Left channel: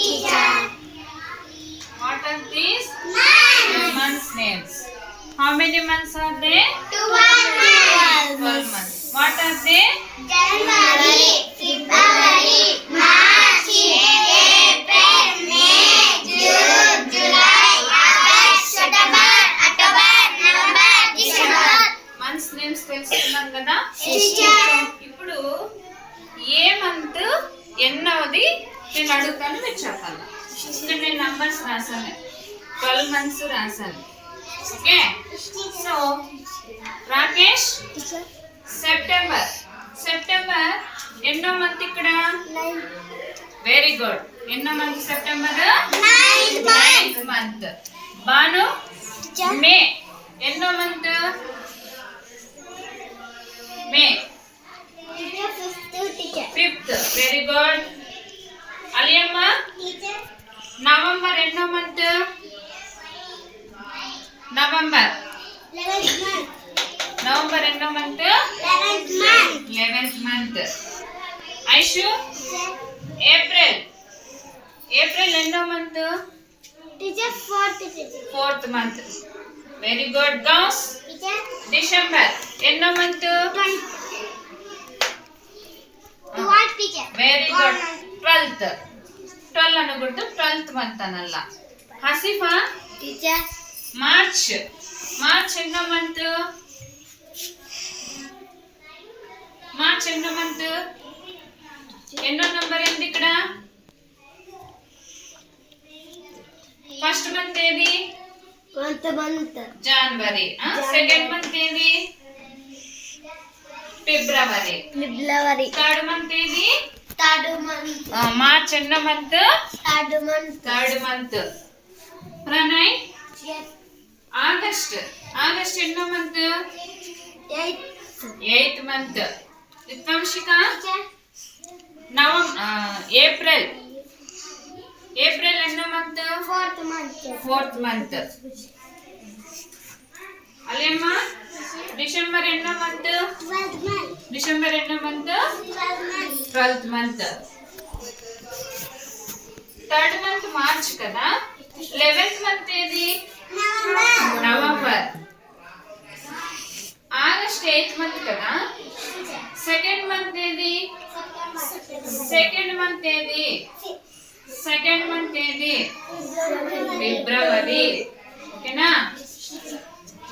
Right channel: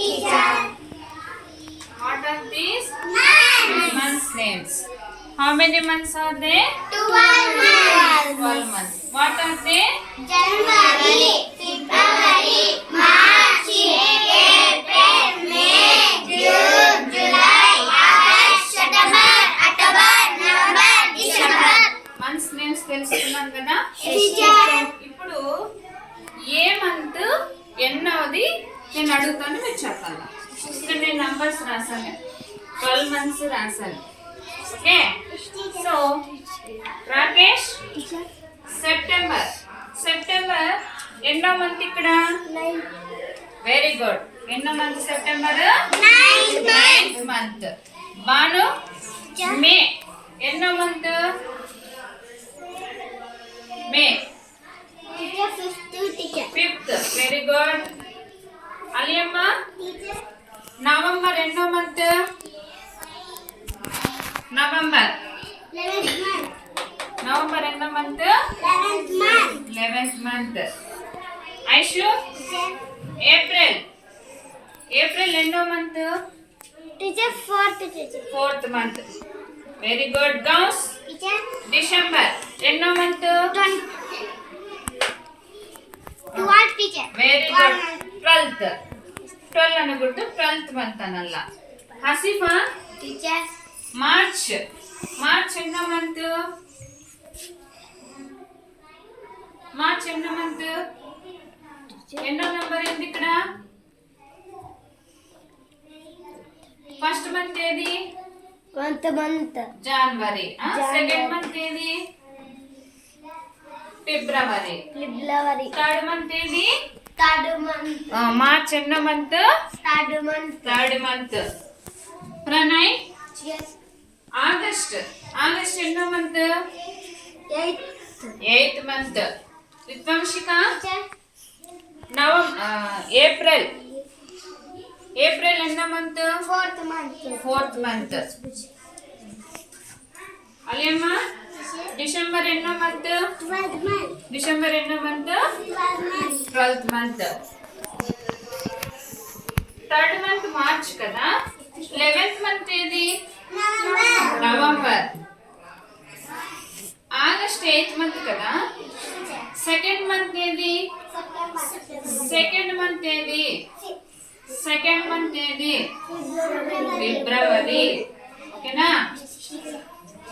teacher. What are these? Months names. How many months are there? 12 months. 12 months. What are they? January, February, March, April, May, June, July, August, September, October, November, December. Months names తెలుసుకున్నాం కదా. Teacher. ఇప్పుడు ఏ month ఎన్నవది నేను అడుగుతాను మీరు చెప్పాలి. ఇక్కడ నేను numbers రాసాను, 12 మంత్స్ రాసాను. Okay, so Rakesh September. September ఎన్నో మంత్ ఇక్కడ? Very good. ఎన్నో month September? 9th month. Banu May ఎన్నో month? May 5th. Very good. Aliyamma November ఎన్నో మంత్? నవంబర్. నవంబర్ ఎన్నో month? 11th month. Aishu April. April ఎన్నో month? 4th month. Very good. Ghouse December ఎన్నో month? Very good. 12th. 12 అనకూడదు, 12th month అనಲ್ಲ. Hasifa March. March ఎన్నో month? March ఎన్నో month? ఎన్నో number ఏంది ఇక్కడ? ఫస్ట్ మంత్ ఏది? జనవరి. సెకండ్ మంత్ ఏది? ఫిబ్రవరి. థర్డ్ మంత్ ఏది? మార్చ్ ఎన్నో month? Third month. Pranay August. August ఎన్నో month? 8th month. Vidvamshika April. April ఎన్నో month? 4th month. Alemma December ఎన్నో మంత్? డిసెంబర్ ఎన్నో month? 12th month. Third month March కదా. 11th మంత్ ఏది? నవంబర్. ఆగస్ట్ 8th మంత్ కదా. Second month ఏది? Second month ఏది? Second month ఏది? ఫిబ్రవరి. ఓకేనా.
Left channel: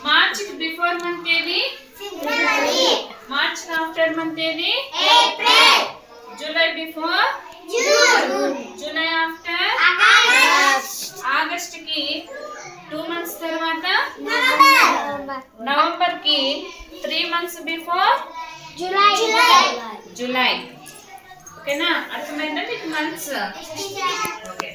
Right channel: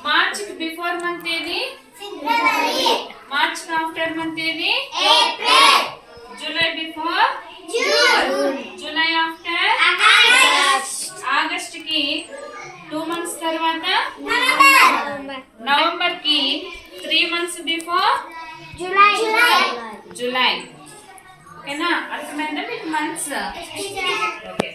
మార్చ్ కి బిఫోర్ మంత్ ఏది? మార్చ్ కి ఆఫ్టర్ మంత్ ఏది? July before? July after? August కి 2 మంత్స్ తర్వాత? నవంబర్ కి 3 మంత్స్ బిఫోర్? జూలై. ఓకేనా. అర్థమైందా మీకు మంత్స్? ఓకే.